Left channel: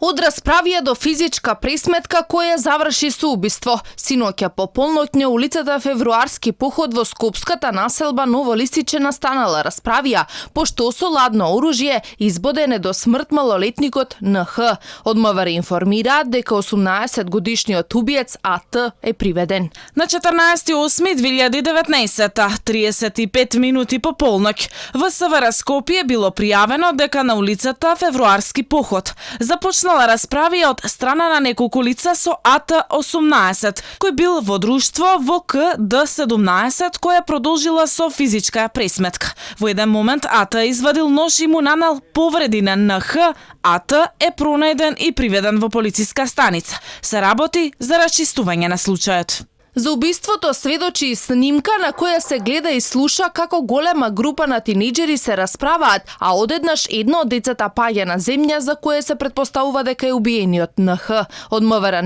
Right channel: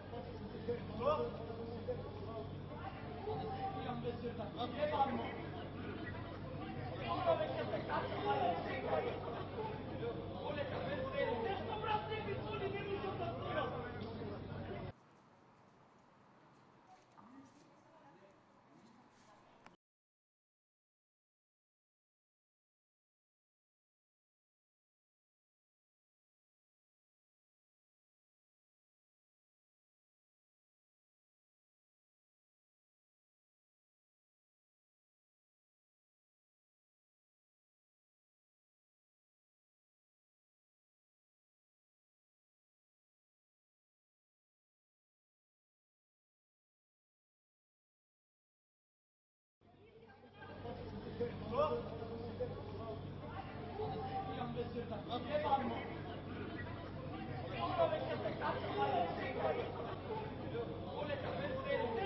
Од расправија до физичка пресметка која заврши со убиство. Синоќа по полноќ на улицата Февруарски поход во скопската населба Ново Лисиче настанала расправија, пошто со ладно оружје избодене до смрт малолетникот НХ. Од МВР информираат дека 18-годишниот убиец АТ е приведен. На 14.8.2019, 35 минути по полноќ, во СВР Скопје било пријавено дека на улицата Февруарски поход започнала расправија од страна на неколку лица со АТ-18, кој бил во друштво во КД-17, која продолжила со физичка пресметка. Во еден момент АТ извадил нож и му нанел повреди на НХ. АТ е пронајден и приведен во полициска станица. Се работи за расчистување на случајот. За убиството сведочи и снимка на која се гледа и слуша како голема група на тинејџери се расправаат, а одеднаш едно од децата паѓа на земја за кое се претпоставува дека е убиениот НХ. Од МВР